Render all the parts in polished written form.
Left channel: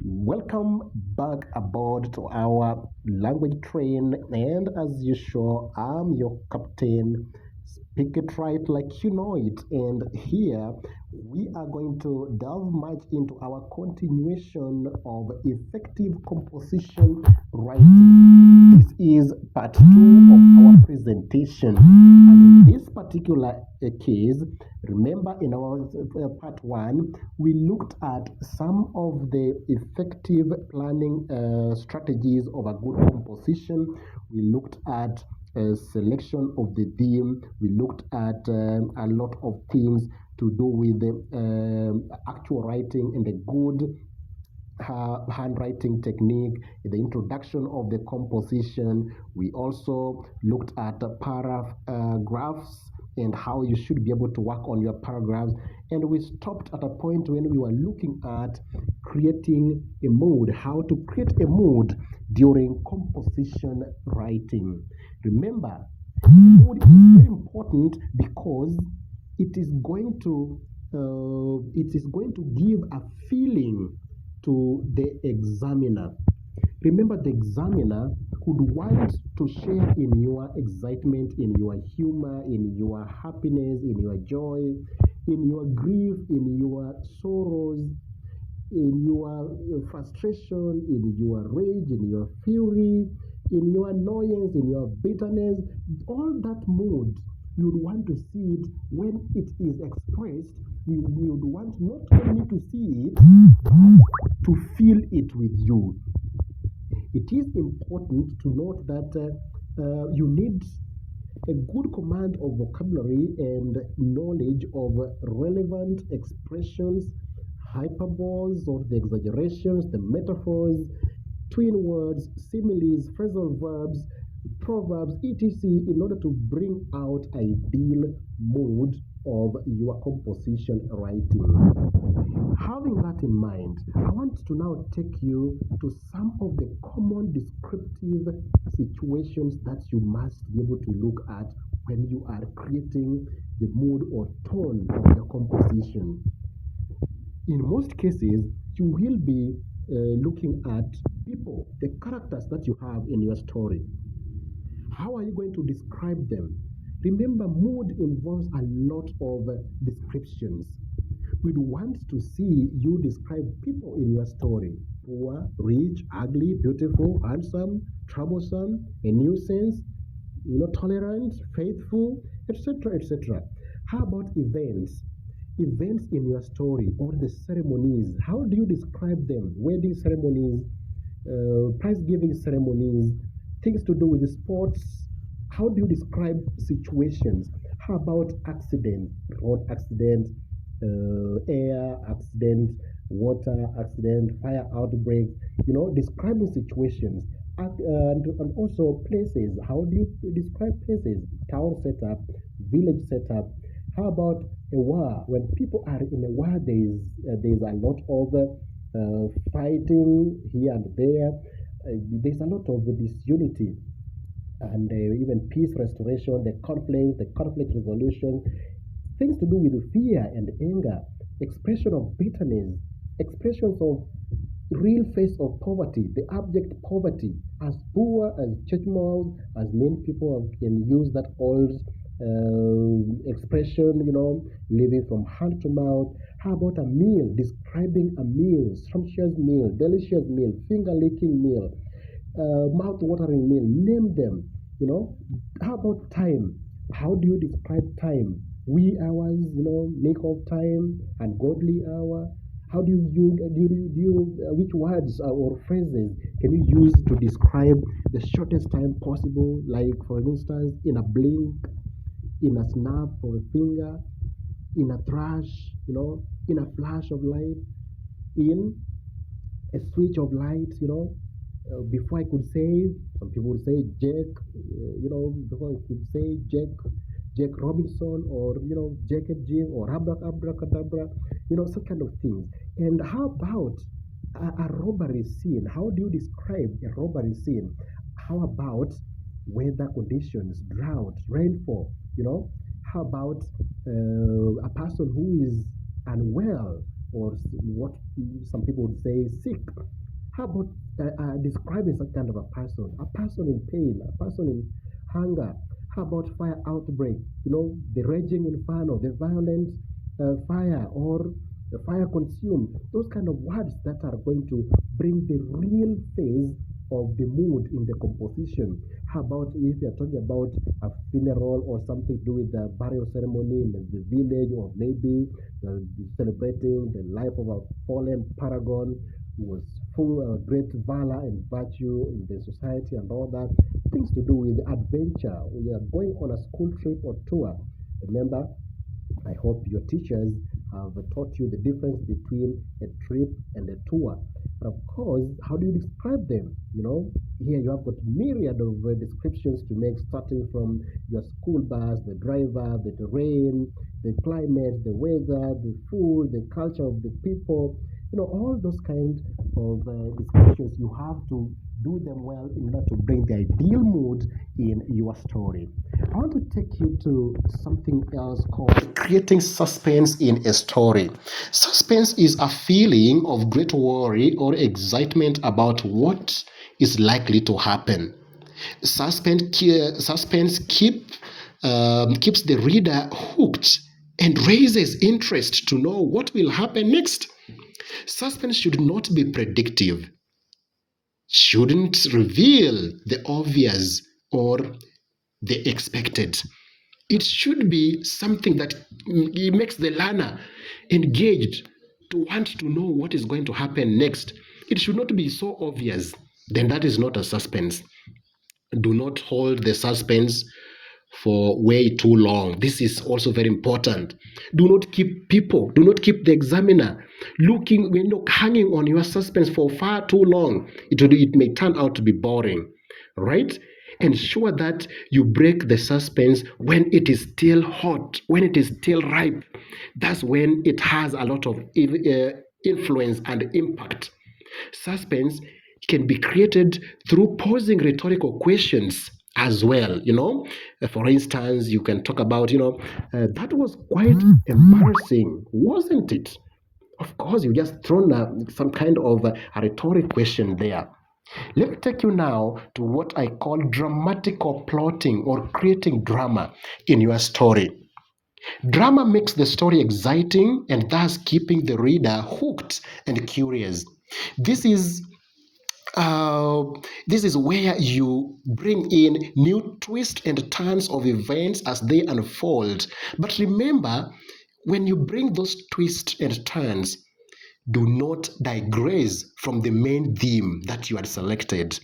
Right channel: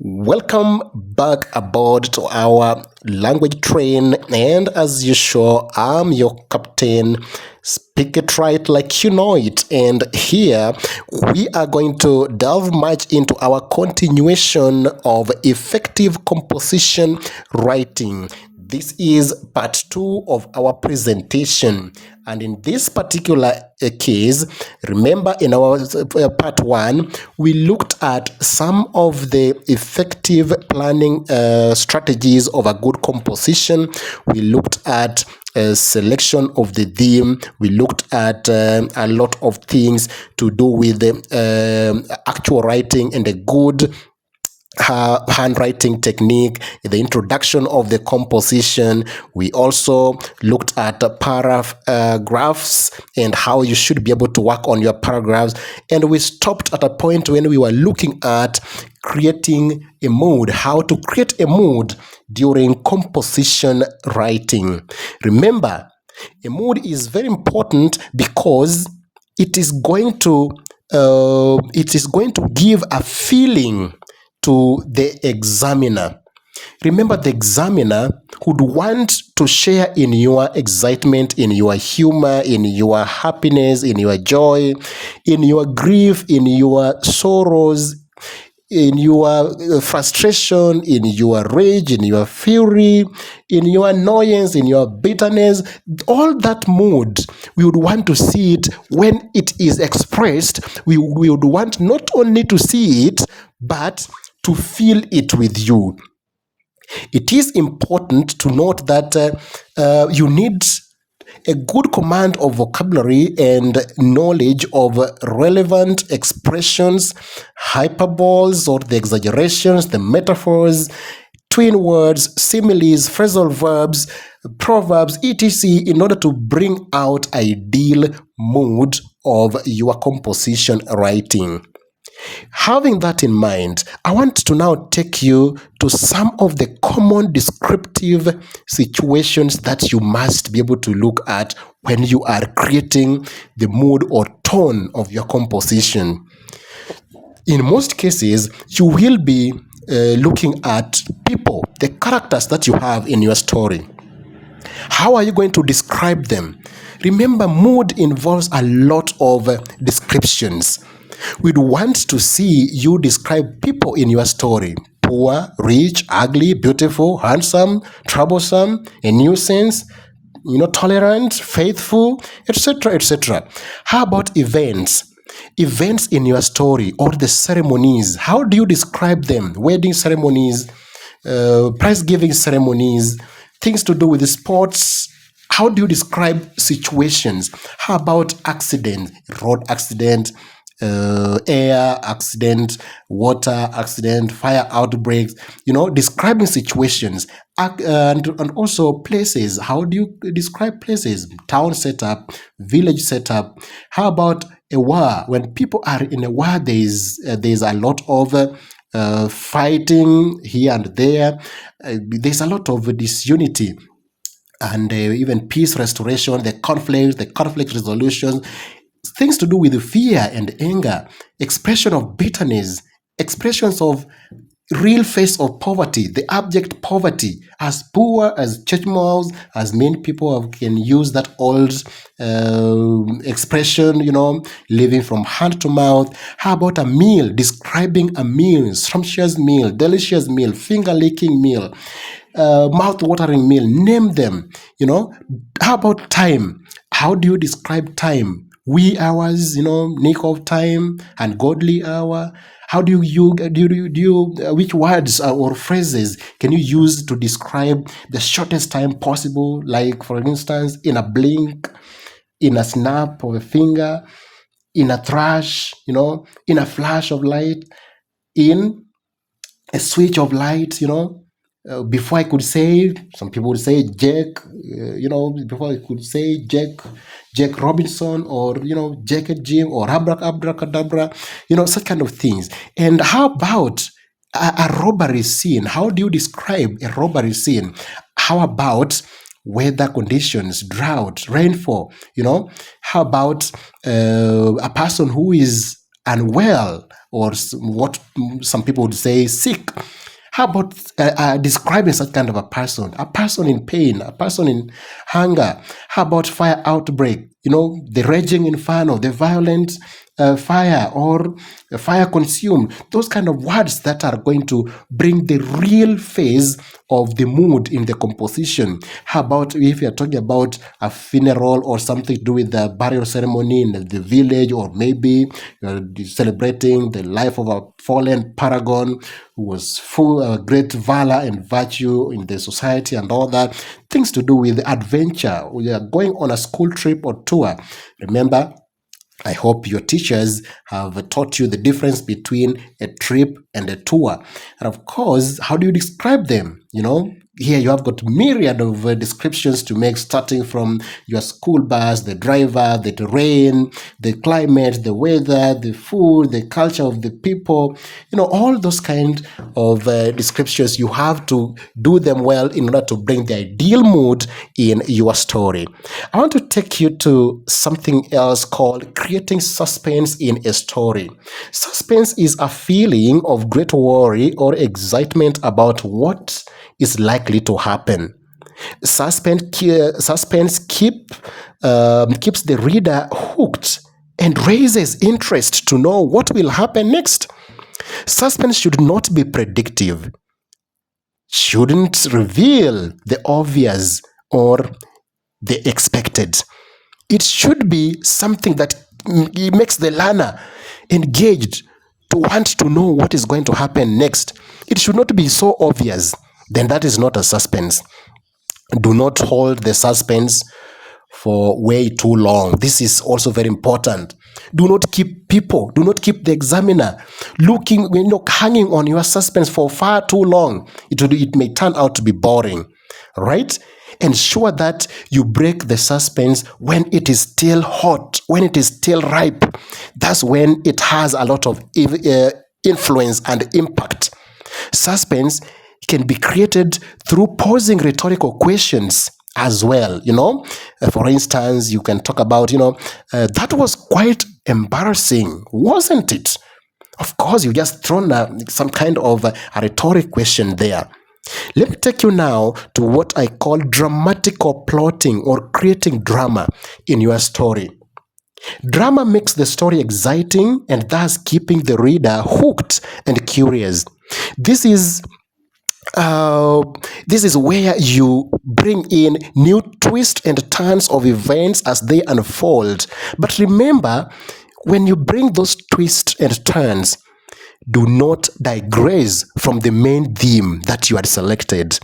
Welcome back aboard to our language train, and as usual, I'm your captain. Speak it right like you know it. And here we are going to delve much into our continuation of effective composition writing. This is part 2 of our presentation, and in this particular case, remember in our part 1 we looked at some of the effective planning strategies of a good composition. We looked at selection of the theme. We looked at a lot of things to do with the actual writing and the good handwriting technique, the introduction of the composition. We also looked at paragraphs and how you should be able to work on your paragraphs. And we stopped at a point when we were looking at creating a mood, how to create a mood during composition writing. Remember, a mood is very important because it is going to give a feeling to the examiner. Remember, the examiner would want to share in your excitement, in your humor, in your happiness, in your joy, in your grief, in your sorrows, in your frustration, in your rage, in your fury, in your annoyance, in your bitterness. All that mood, we would want to see it when it is expressed. We would want not only to see it, but to feel it with you. It is important to note that you need a good command of vocabulary and knowledge of relevant expressions, hyperboles or the exaggerations, the metaphors, twin words, similes, phrasal verbs, proverbs, etc., in order to bring out ideal mood of your composition writing. Having that in mind, I want to now take you to some of the common descriptive situations that you must be able to look at when you are creating the mood or tone of your composition. In most cases, you will be looking at people, the characters that you have in your story. How are you going to describe them? Remember, mood involves a lot of descriptions. We'd want to see you describe people in your story: poor, rich, ugly, beautiful, handsome, troublesome, a nuisance, tolerant, faithful, etc., etc. How about events? Events in your story or the ceremonies. How do you describe them? Wedding ceremonies, prize-giving ceremonies, things to do with the sports. How do you describe situations? How about accident, road accident, air accident, water accident, fire outbreaks, describing situations, and also places. How do you describe places? Town setup, village setup. How about a war? When people are in a war, there's a lot of fighting here and there. There's a lot of disunity and even peace restoration, the conflict resolution, things to do with fear and anger, expression of bitterness, expressions of real face of poverty, the abject poverty, as poor as church mouse, as many people can use that old expression, living from hand to mouth. How about a meal, describing a meal, sumptuous meal, delicious meal, finger-licking meal, mouth-watering meal? Name them. How about time? How do you describe time? Wee hours, nick of time, ungodly hour. How do you which words or phrases can you use to describe the shortest time possible? Like, for instance, in a blink, in a snap of a finger, in a thrush, in a flash of light, in a switch of light, before I could say, some people would say Jack, before I could say Jack Robinson, or, Jack and Jim, or abracadabra, such kind of things. And how about a robbery scene? How do you describe a robbery scene? How about weather conditions, drought, rainfall? How about a person who is unwell? or what some people would say sick. How about describing such kind of a person in pain, a person in hunger? How about fire outbreak? The raging inferno, the violent fire, or fire consumed. Those kind of words that are going to bring the real phase of the mood in the composition. How about if you're talking about a funeral or something to do with the burial ceremony in the village, or maybe you're celebrating the life of a fallen paragon who was full of great valor and virtue in the society and all that. Things to do with adventure. We are going on a school trip or tour. Remember, I hope your teachers have taught you the difference between a trip and a tour. And of course, how do you describe them? Here you have got myriad of descriptions to make, starting from your school bus, the driver, the terrain, the climate, the weather, the food, the culture of the people. All those kind of descriptions, you have to do them well in order to bring the ideal mood in your story. I want to take you to something else called creating suspense in a story. Suspense is a feeling of great worry or excitement about what is likely to happen. Suspense keeps the reader hooked and raises interest to know what will happen next. Suspense should not be predictive, shouldn't reveal the obvious or the expected. It should be something that makes the learner engaged to want to know what is going to happen next. It should not be so obvious. Then that is not a suspense. Do not hold the suspense for way too long. This is also very important. Do not keep the examiner hanging on your suspense for far too long. It may turn out to be boring, right? Ensure that you break the suspense when it is still hot, when it is still ripe. That's when it has a lot of influence and impact. Suspense can be created through posing rhetorical questions as well. For instance, you can talk about, that was quite embarrassing, wasn't it? Of course, you just thrown some kind of a rhetoric question there. Let me take you now to what I call dramatical plotting, or creating drama in your story. Drama makes the story exciting and thus keeping the reader hooked and curious. This is where you bring in new twists and turns of events as they unfold. But remember, when you bring those twists and turns, do not digress from the main theme that you had selected.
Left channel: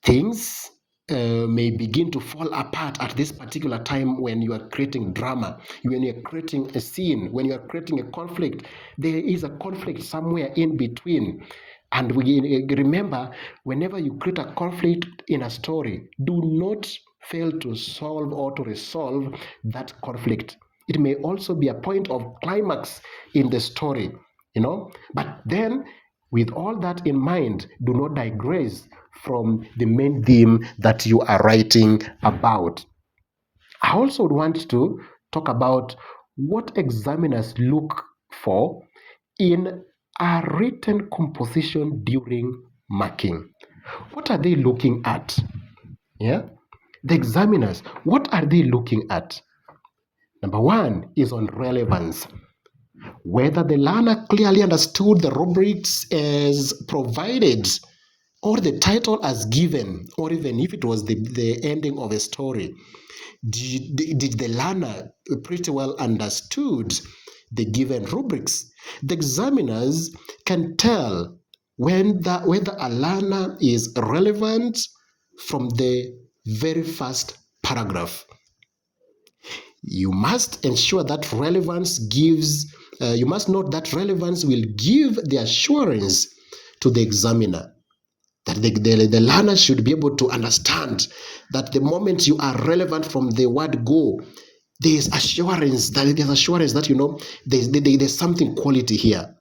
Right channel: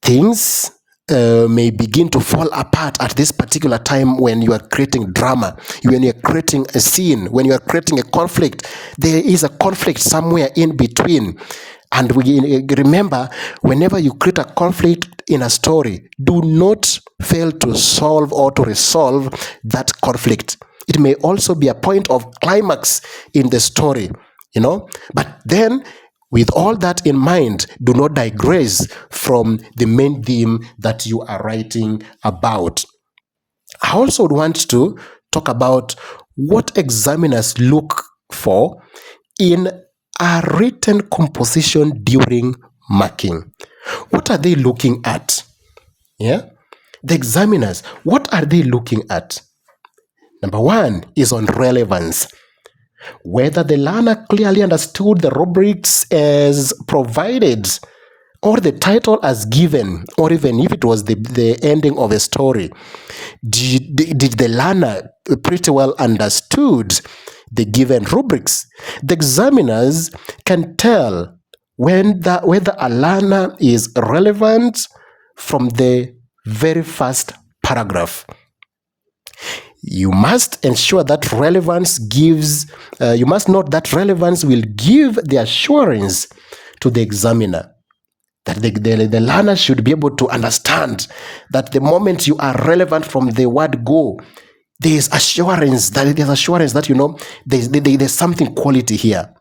Things may begin to fall apart at this particular time when you are creating drama, when you are creating a scene, when you are creating a conflict. There is a conflict somewhere in between. And remember, whenever you create a conflict in a story, do not fail to solve or to resolve that conflict. It may also be a point of climax in the story, But then, with all that in mind, do not digress from the main theme that you are writing about. I also want to talk about what examiners look for in a written composition during marking. What are they looking at? Yeah? The examiners, what are they looking at? Number one is on relevance. Whether the learner clearly understood the rubrics as provided, or the title as given, or even if it was the ending of a story. Did the learner pretty well understood the given rubrics? The examiners can tell whether a learner is relevant from the very first paragraph. You must ensure that relevance you must note that relevance will give the assurance to the examiner that the learner should be able to understand that the moment you are relevant from the word go, there's assurance that there's something quality here.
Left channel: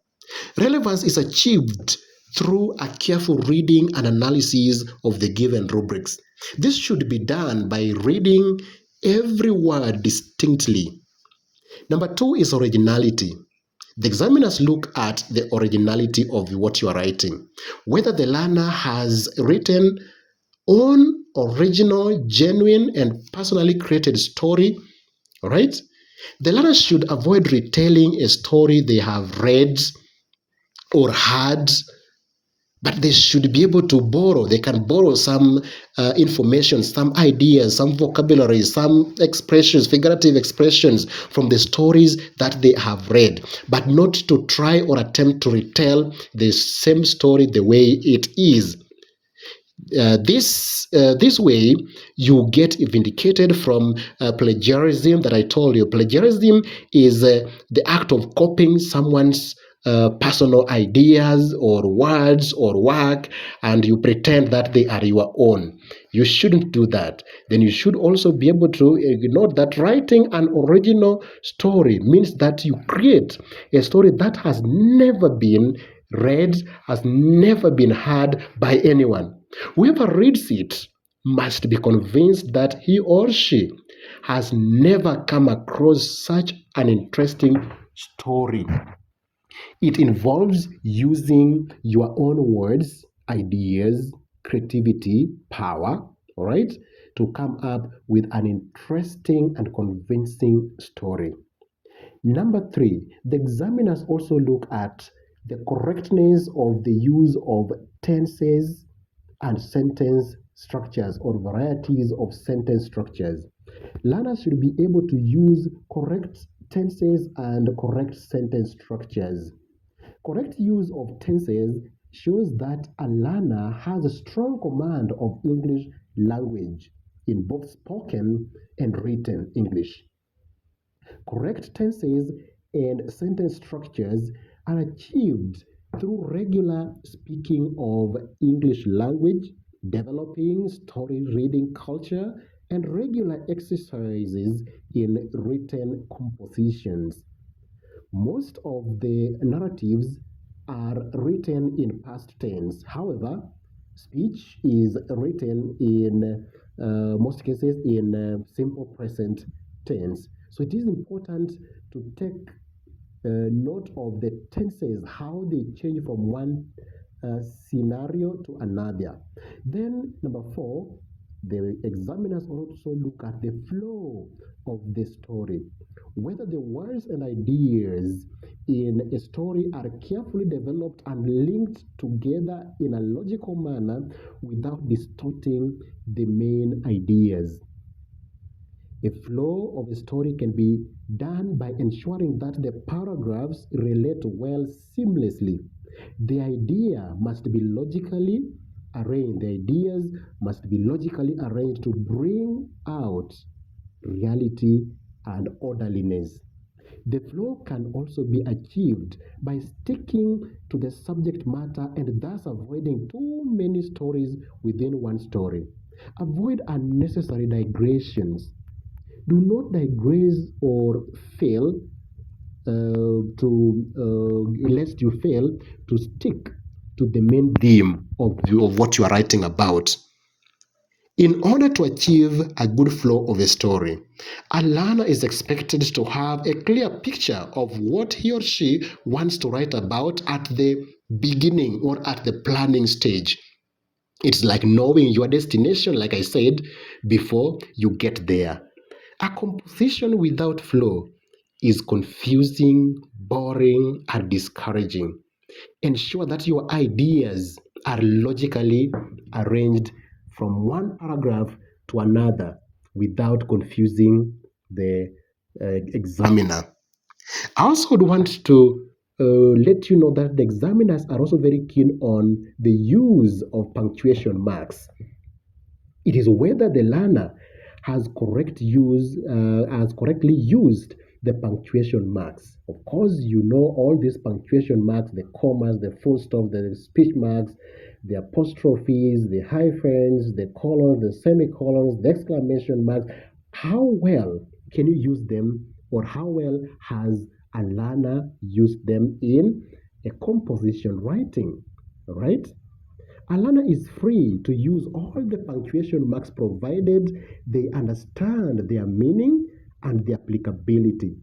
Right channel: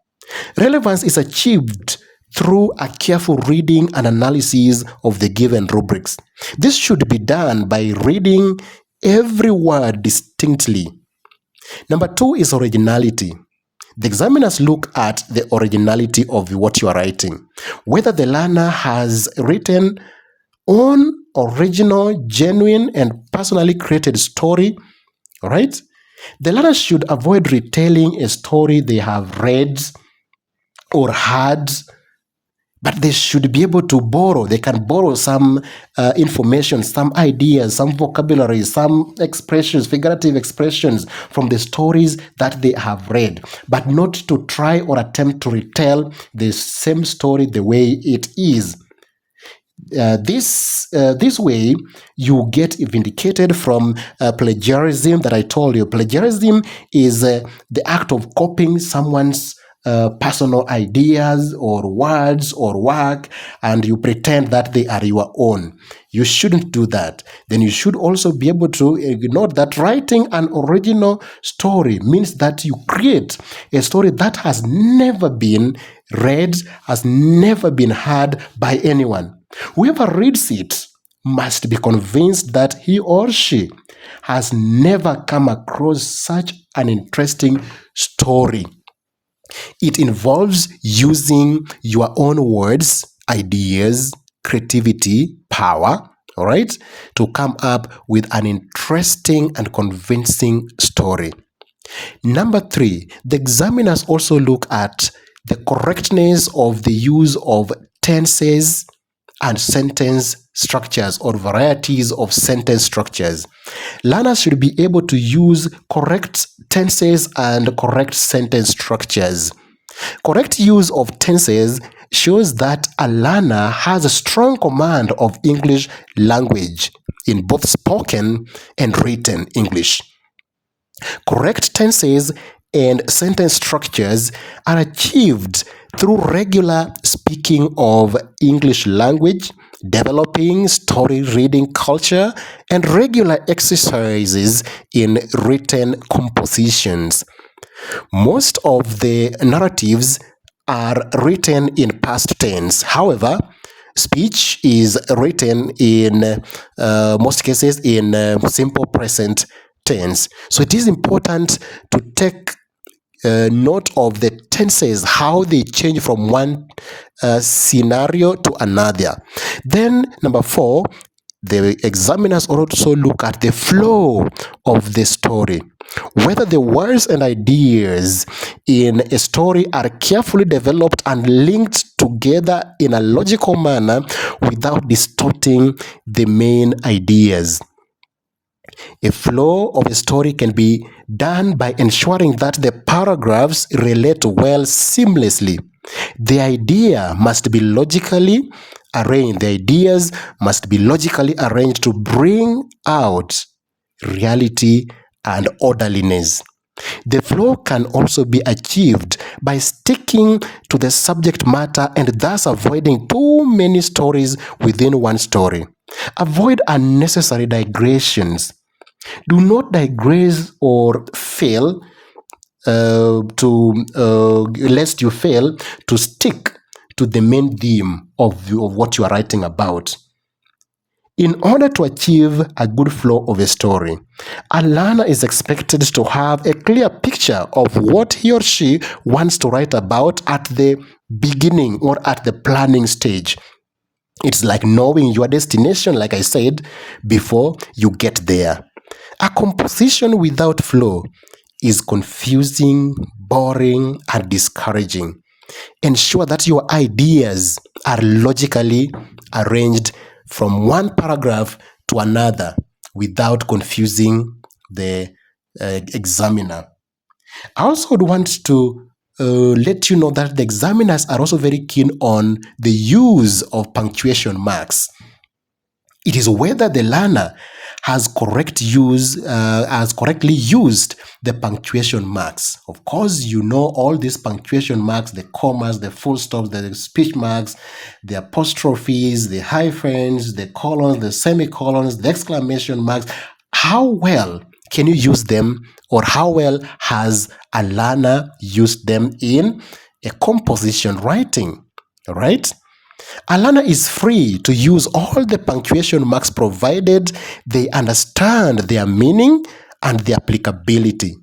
Relevance is achieved through a careful reading and analysis of the given rubrics. This should be done by reading every word distinctly. Number two is originality. The examiners look at the originality of what you are writing, whether the learner has written own original, genuine, and personally created story, right? The learner should avoid retelling a story they have read or heard, but they should be able to borrow. They can borrow some information, some ideas, some vocabulary, some expressions, figurative expressions from the stories that they have read, but not to try or attempt to retell the same story the way it is. This way you get vindicated from plagiarism that I told you. Plagiarism is the act of copying someone's personal ideas or words or work, and you pretend that they are your own. You shouldn't do that. Then you should also be able to ignore that writing an original story means that you create a story that has never been read, has never been heard by anyone. Whoever reads it must be convinced that he or she has never come across such an interesting story. It involves using your own words, ideas, creativity, power, all right, to come up with an interesting and convincing story. Number 3, the examiners also look at the correctness of the use of tenses and sentence structures or varieties of sentence structures. Learners should be able to use correct tenses and correct sentence structures. Correct use of tenses shows that a learner has a strong command of English language in both spoken and written English. Correct tenses and sentence structures are achieved through regular speaking of English language, developing story reading culture, and regular exercises in written compositions. Most of the narratives are written in past tense. However, speech is written in most cases in simple present tense. So it is important to take note of the tenses, how they change from one scenario to another. Then, number 4, the examiners also look at the flow of the story. Whether the words and ideas in a story are carefully developed and linked together in a logical manner without distorting the main ideas. A flow of a story can be done by ensuring that the paragraphs relate well seamlessly. The idea must be logically arranged. The ideas must be logically arranged to bring out reality and orderliness. The flow can also be achieved by sticking to the subject matter and thus avoiding too many stories within one story. Avoid unnecessary digressions. Do not digress or fail lest you fail to stick to the main theme of what you are writing about. In order to achieve a good flow of a story, a learner is expected to have a clear picture of what he or she wants to write about at the beginning or at the planning stage. It's like knowing your destination, like I said, before you get there. A composition without flow is confusing, boring, and discouraging. Ensure that your ideas are logically arranged from one paragraph to another without confusing the examiner. I also would want to let you know that the examiners are also very keen on the use of punctuation marks. It is whether the learner has correctly used the punctuation marks. Of course, you know all these punctuation marks, the commas, the full stops, the speech marks, the apostrophes, the hyphens, the colons, the semicolons, the exclamation marks. How well can you use them, or how well has a learner used them in a composition writing, right? A learner is free to use all the punctuation marks provided they understand their meaning and their applicability.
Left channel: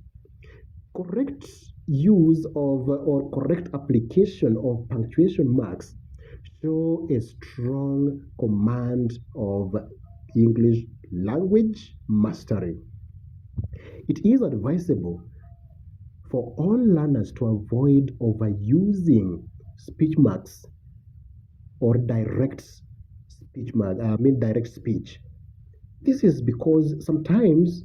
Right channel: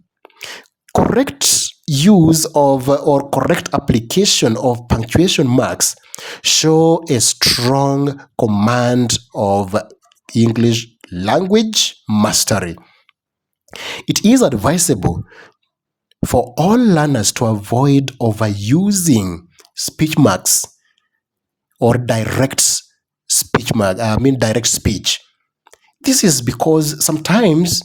Correct use of or correct application of punctuation marks show a strong command of English language mastery. It is advisable for all learners to avoid overusing speech marks or direct speech. This is because sometimes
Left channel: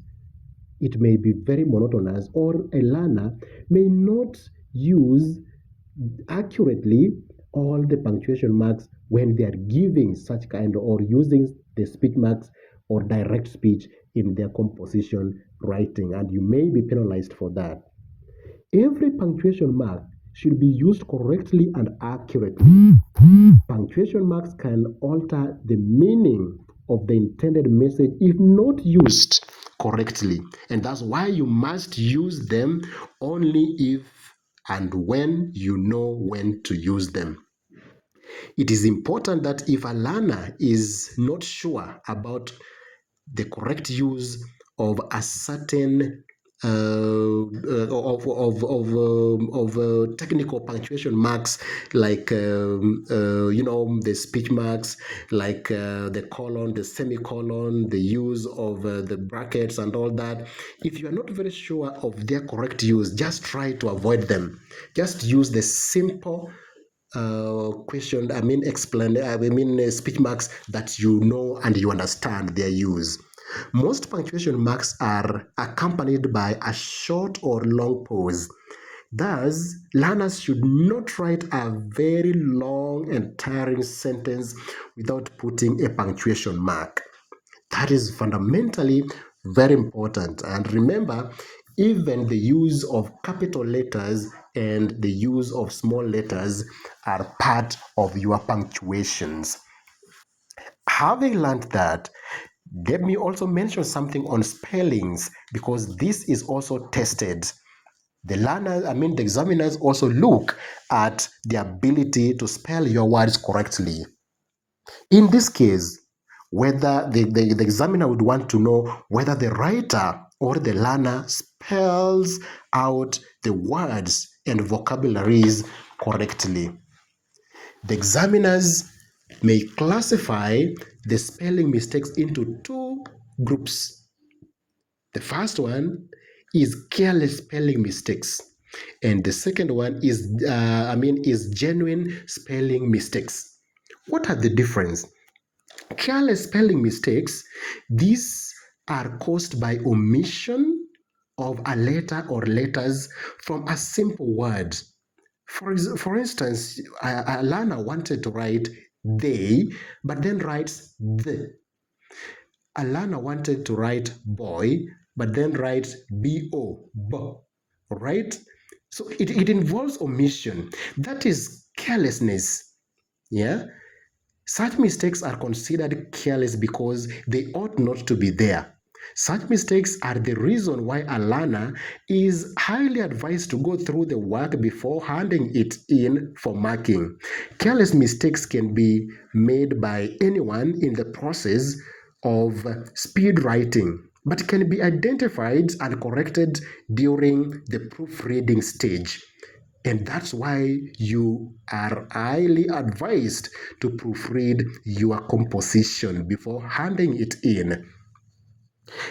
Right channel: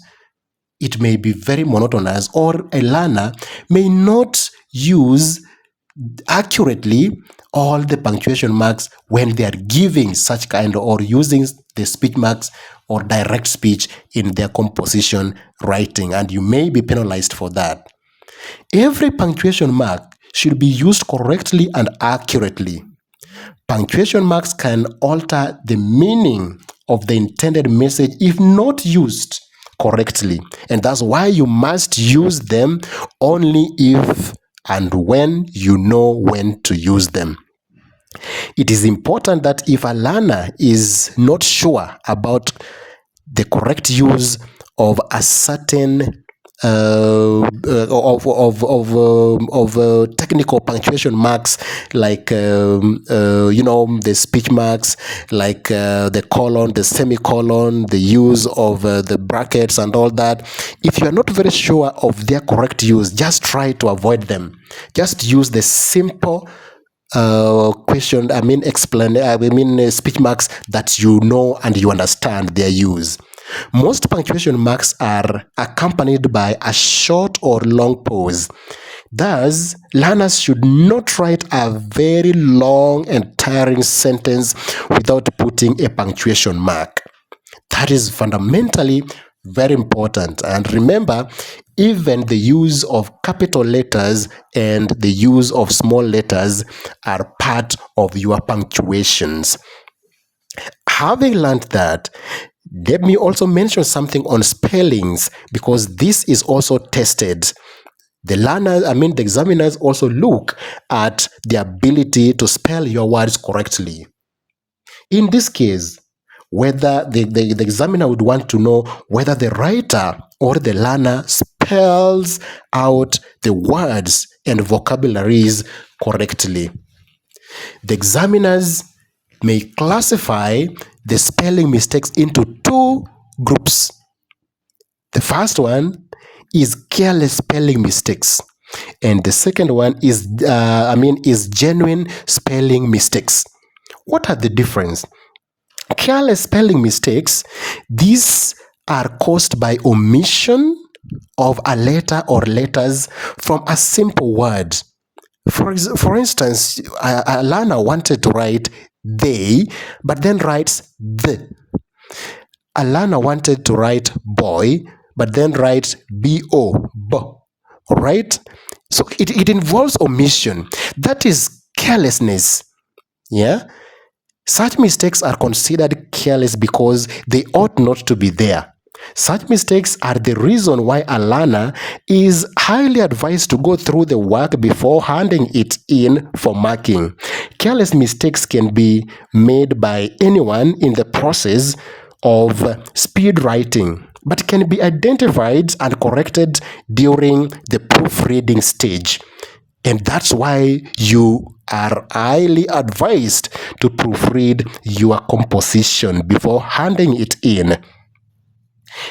it may be very monotonous, or a learner may not use accurately all the punctuation marks when they are giving such kind or using the speech marks or direct speech in their composition writing, and you may be penalized for that. Every punctuation mark should be used correctly and accurately. Punctuation marks can alter the meaning of the intended message if not used correctly, and that's why you must use them only if and when you know when to use them. It is important that if a learner is not sure about the correct use of a certain technical punctuation marks, like the speech marks, like the colon, the semicolon, the use of the brackets and all that. If you are not very sure of their correct use, just try to avoid them. Just use the simple speech marks that you know and you understand their use. Most punctuation marks are accompanied by a short or long pause. Thus, learners should not write a very long and tiring sentence without putting a punctuation mark. That is fundamentally very important. And remember, even the use of capital letters and the use of small letters are part of your punctuations. Having learned that, let me also mention something on spellings, because this is also tested. The examiners also look at the ability to spell your words correctly. In this case, whether the examiner would want to know whether the writer or the learner spells out the words and vocabularies correctly. The examiners may classify the spelling mistakes into two groups. The first one is careless spelling mistakes, and the second one is genuine spelling mistakes. What are the difference? Careless spelling mistakes, these are caused by omission of a letter or letters from a simple word. For instance, a learner wanted to write they, but then writes the. A learner wanted to write boy, but then writes bo, bo, right? So it involves omission. That is carelessness, yeah? Such mistakes are considered careless because they ought not to be there. Such mistakes are the reason why a learner is highly advised to go through the work before handing it in for marking. Careless mistakes can be made by anyone in the process of speed writing, but can be identified and corrected during the proofreading stage. And that's why you are highly advised to proofread your composition before handing it in.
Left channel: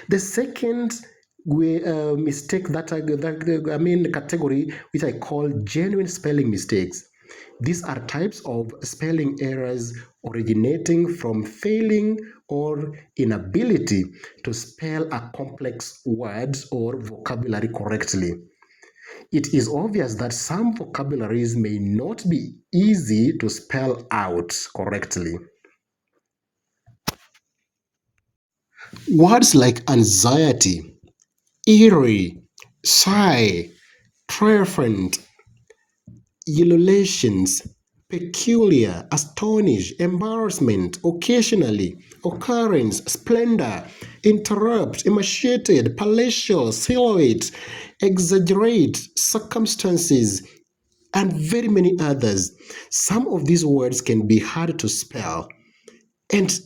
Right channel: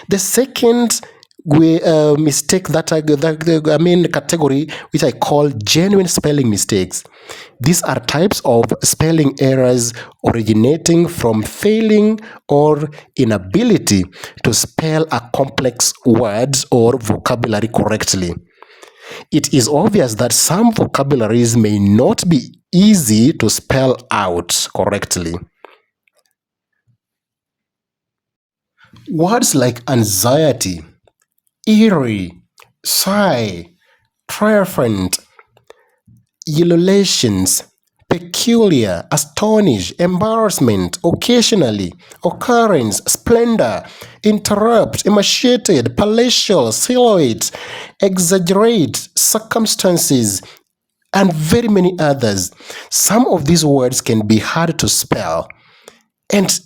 The second mistake category, which I call genuine spelling mistakes. These are types of spelling errors originating from failing or inability to spell a complex word or vocabulary correctly. It is obvious that some vocabularies may not be easy to spell out correctly. Words like anxiety, eerie, sigh, triumphant, ululations, peculiar, astonish, embarrassment, occasionally, occurrence, splendor, interrupt, emaciated, palatial, silhouette, exaggerate, circumstances, and very many others. Some of these words can be hard to spell, and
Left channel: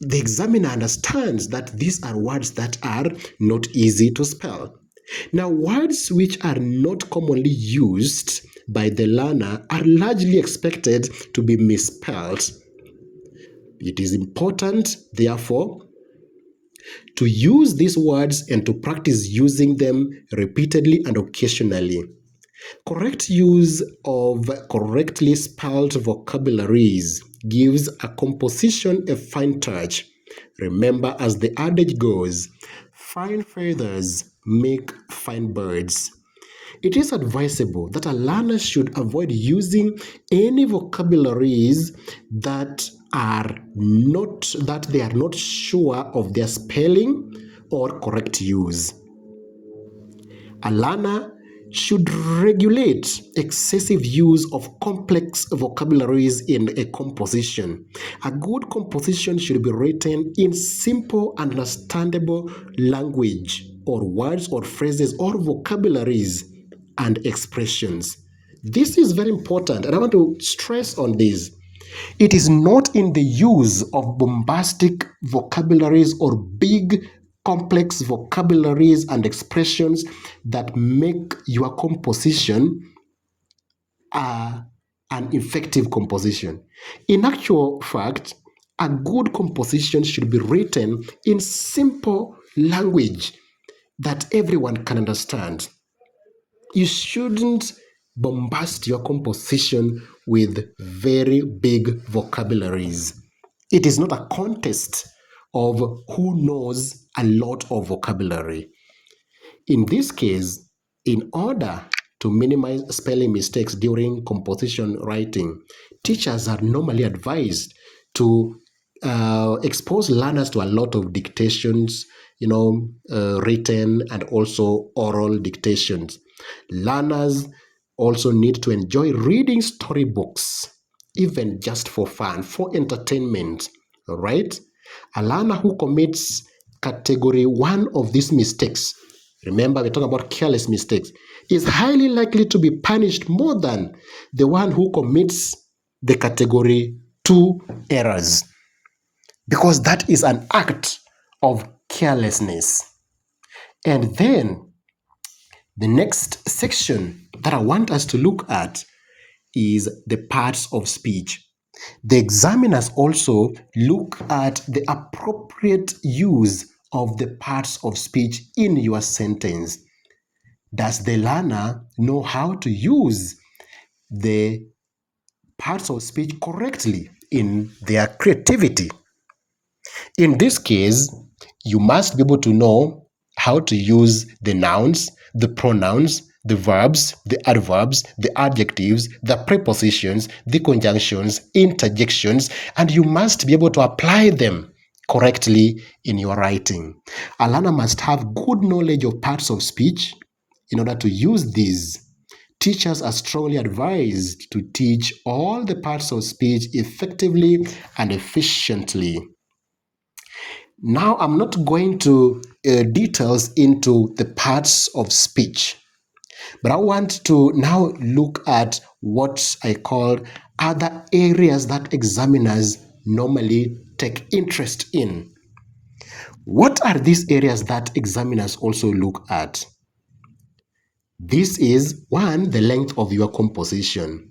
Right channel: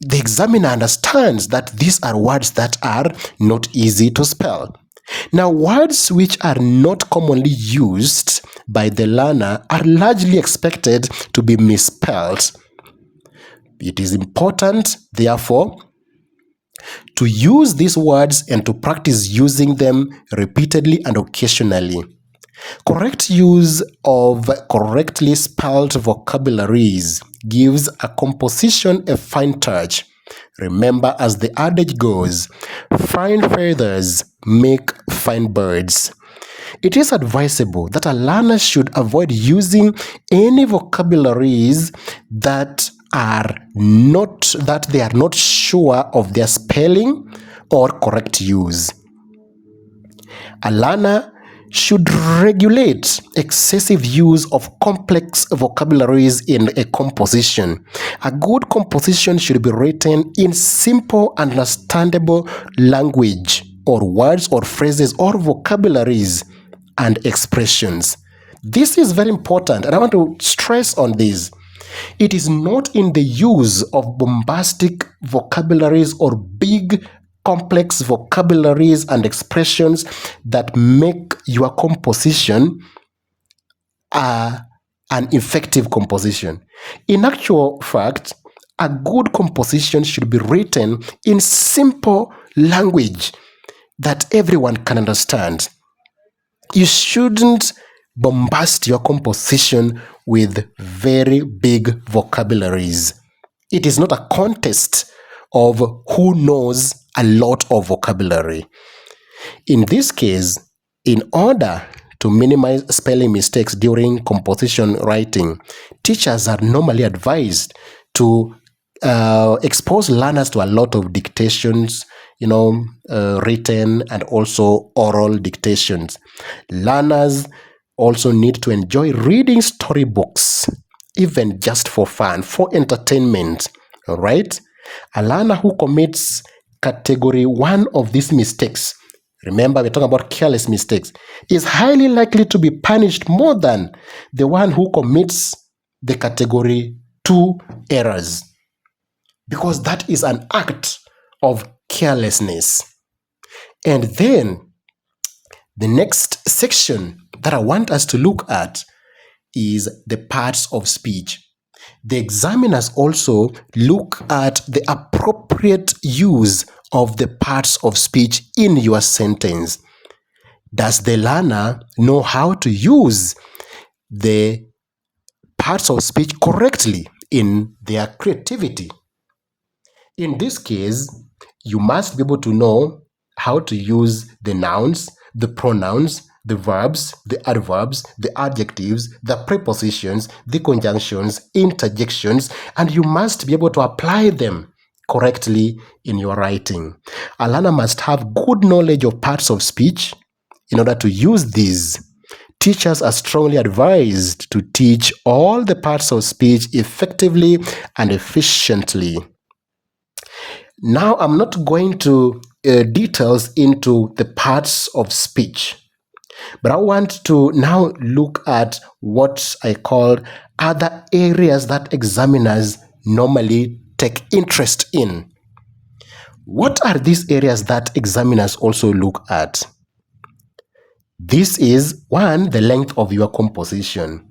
the examiner understands that these are words that are not easy to spell. Now, words which are not commonly used by the learner are largely expected to be misspelled. It is important, therefore, to use these words and to practice using them repeatedly and occasionally. Correct use of correctly spelled vocabularies gives a composition a fine touch. Remember, as the adage goes, fine feathers make fine birds. It is advisable that a learner should avoid using any vocabularies that they are not sure of their spelling or correct use. A learner should regulate excessive use of complex vocabularies in a composition. A good composition should be written in simple, understandable language, or words or phrases or vocabularies and expressions. This is very important, and I want to stress on this. It is not in the use of bombastic vocabularies or big complex vocabularies and expressions that make your composition an effective composition. In actual fact, a good composition should be written in simple language that everyone can understand. You shouldn't bombast your composition with very big vocabularies. It is not a contest of who knows a lot of vocabulary. In this case, in order to minimize spelling mistakes during composition writing, teachers are normally advised to expose learners to a lot of dictations, written and also oral dictations. Learners also need to enjoy reading storybooks, even just for fun, for entertainment. All right? A learner who commits category 1 of these mistakes, remember we're talking about careless mistakes, is highly likely to be punished more than the one who commits the category 2 errors, because that is an act of carelessness. And then the next section that I want us to look at is the parts of speech. The examiners also look at the appropriate use of the parts of speech in your sentence. Does the learner know how to use the parts of speech correctly in their creativity? In this case, you must be able to know how to use the nouns, the pronouns, the verbs, the adverbs, the adjectives, the prepositions, the conjunctions, interjections, and you must be able to apply them correctly in your writing. A learner must have good knowledge of parts of speech in order to use these. Teachers are strongly advised to teach all the parts of speech effectively and efficiently. Now, I'm not going to details into the parts of speech, but I want to now look at what I call other areas that examiners normally take interest in. What are these areas that examiners also look at? This is one, the length of your composition.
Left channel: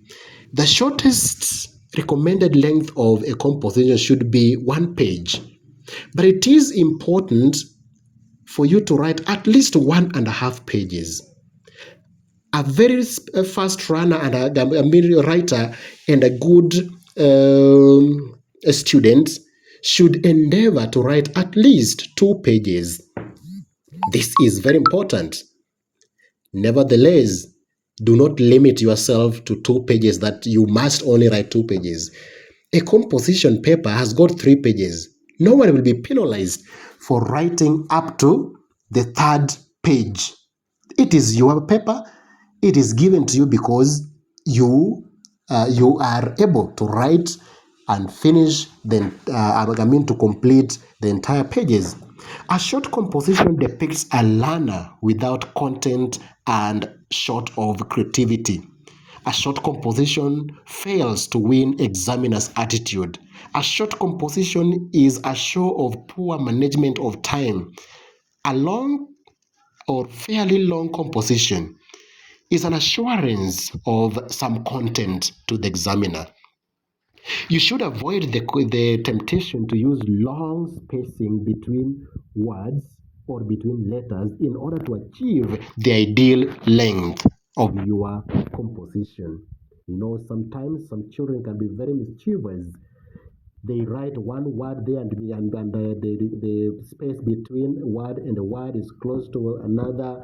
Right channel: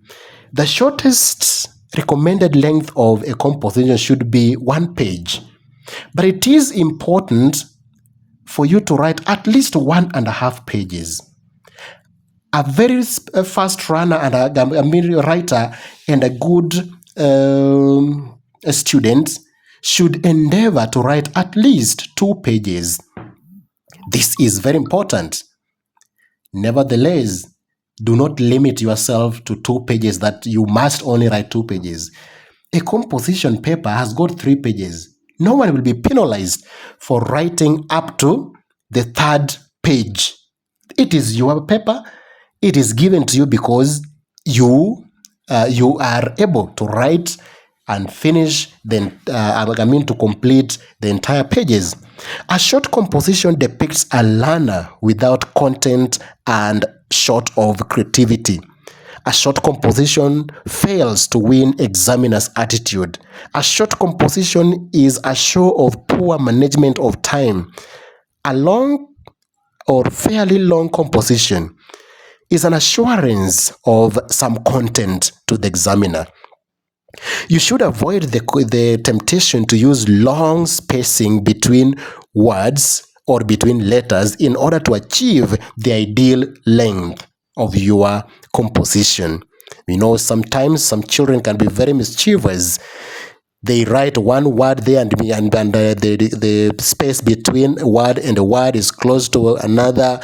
The shortest recommended length of a composition should be 1 page. But it is important for you to write at least 1.5 pages. A very fast runner and a writer and a good student should endeavor to write at least 2 pages. This is very important. Nevertheless, do not limit yourself to 2 pages, that you must only write 2 pages. A composition paper has got 3 pages. No one will be penalized for writing up to the 3rd page. It is your paper. It is given to you because you are able to write and finish, to complete the entire pages. A short composition depicts a learner without content and short of creativity. A short composition fails to win examiner's attitude. A short composition is a show of poor management of time. A long or fairly long composition is an assurance of some content to the examiner. You should avoid the temptation to use long spacing between words or between letters in order to achieve the ideal length of your composition. You know, sometimes some children can be very mischievous. They write one word there and the space between word and word is close to another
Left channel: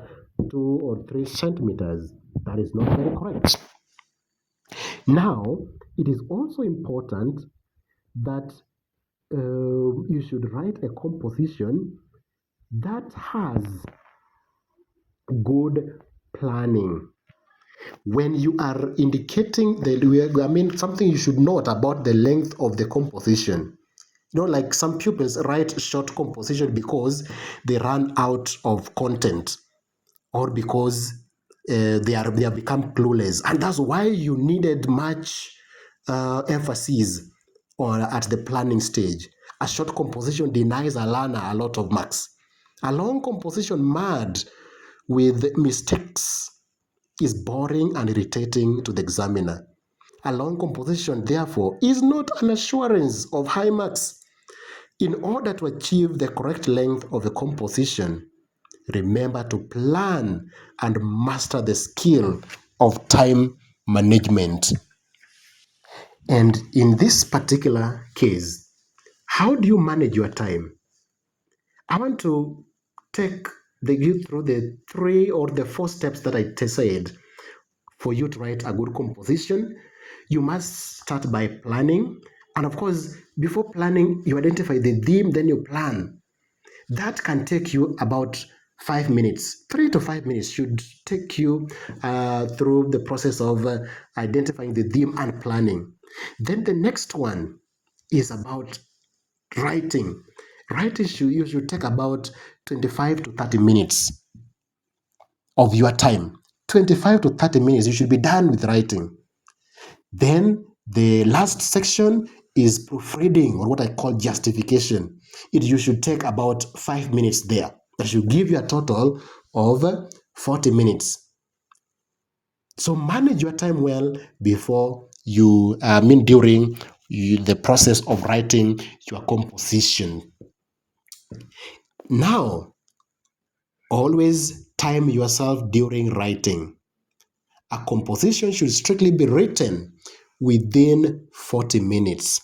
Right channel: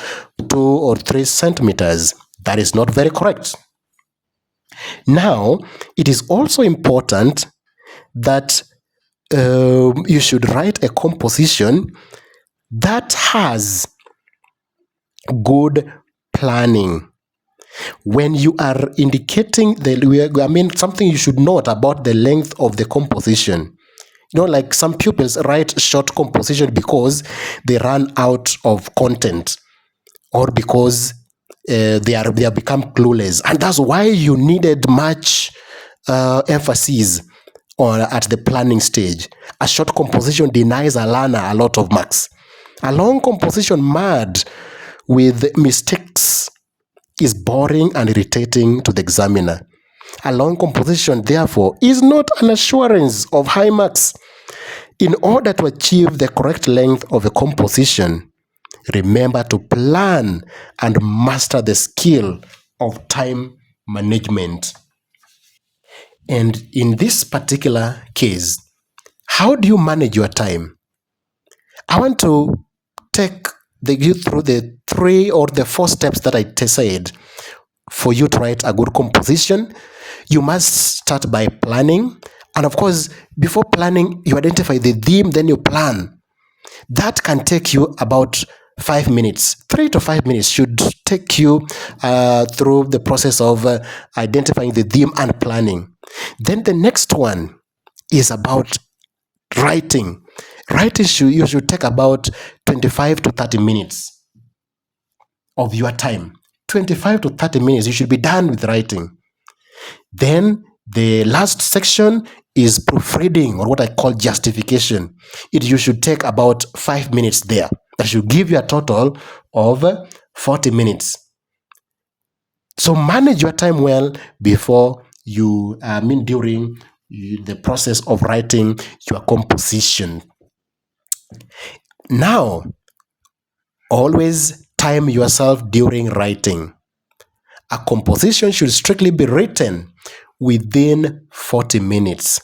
2 or 3 centimeters. That is not very correct. Now, it is also important that you should write a composition that has good planning. When you are indicating something you should note about the length of the composition. You know, like some pupils write short composition because they run out of content or because they have become clueless, and that's why you needed much emphasis at the planning stage. A short composition denies a learner a lot of marks. A long composition marred with mistakes is boring and irritating to the examiner. A long composition, therefore, is not an assurance of high marks. In order to achieve the correct length of a composition, remember to plan and master the skill of time management. And in this particular case, how do you manage your time? I want to take you through the 3 or the 4 steps that I said. For you to write a good composition, you must start by planning. And of course, before planning, you identify the theme, then you plan. That can take you about 5 minutes. 3 to 5 minutes should take you through the process of identifying the theme and planning. Then the next one is about writing. Writing you should take about 25 to 30 minutes of your time. 25 to 30 minutes, you should be done with writing. Then the last section is proofreading, or what I call justification. You should take about 5 minutes there. That should give you a total of 40 minutes. So manage your time well before during the process of writing your composition. Now, always time yourself during writing. A composition should strictly be written within 40 minutes.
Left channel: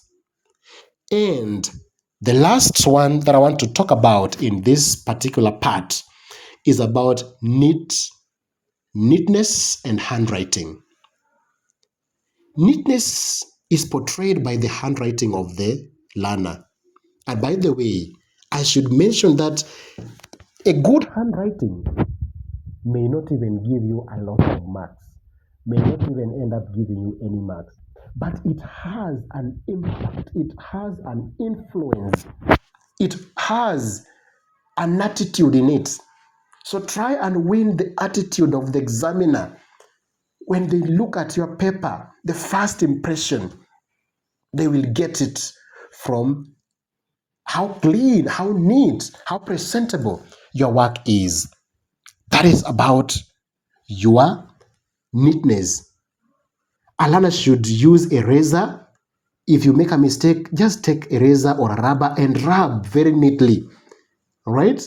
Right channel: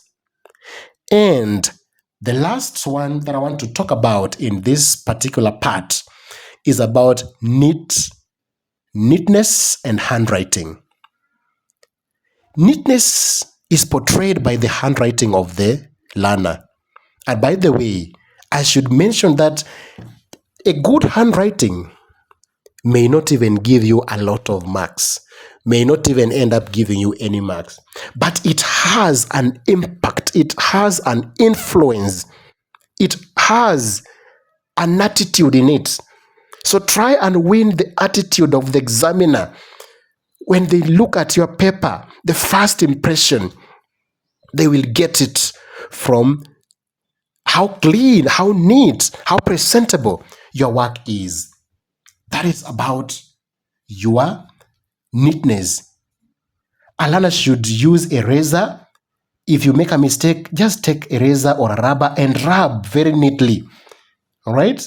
And the last one that I want to talk about in this particular part is about neatness and handwriting. Neatness is portrayed by the handwriting of the learner. And by the way, I should mention that a good handwriting may not even give you a lot of marks, may not even end up giving you any marks, but it has an impact, it has an influence, it has an attitude in it. So try and win the attitude of the examiner. When they look at your paper, the first impression, they will get it from how clean, how neat, how presentable your work is. That is about your neatness. A learner should use a razor. If you make a mistake, just take a razor or a rubber and rub very neatly. All right?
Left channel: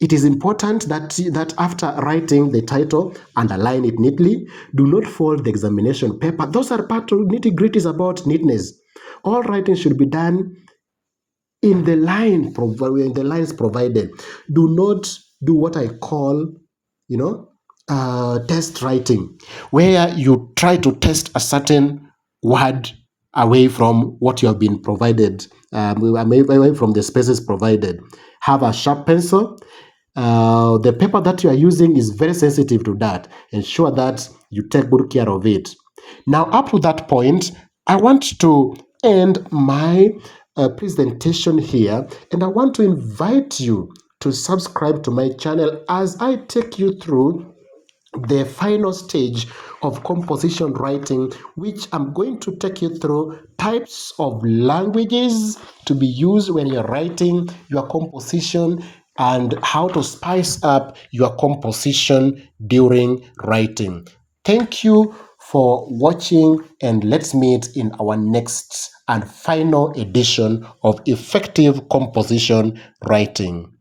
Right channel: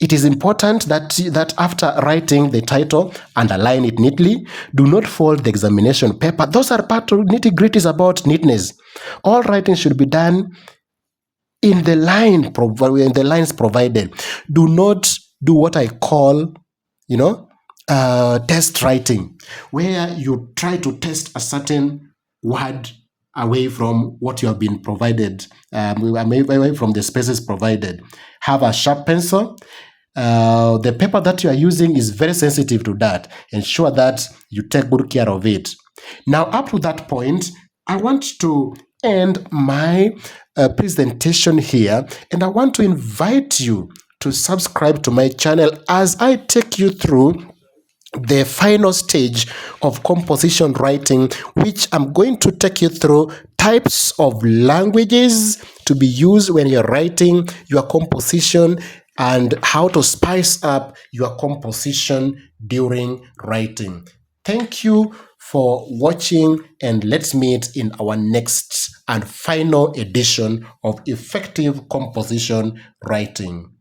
It is important that after writing the title, underline it neatly. Do not fold the examination paper. Those are part of nitty-gritties about neatness. All writing should be done in the lines provided. Do not do what I call, test writing, where you try to test a certain word away from what you have been provided, away from the spaces provided. Have a sharp pencil. The paper that you are using is very sensitive to that. Ensure that you take good care of it. Now, up to that point, I want to end my presentation here, and I want to invite you to subscribe to my channel as I take you through the final stage of composition writing, which I'm going to take you through types of languages to be used when you're writing your composition, and how to spice up your composition during writing. Thank you for watching, and let's meet in our next and final edition of Effective Composition Writing.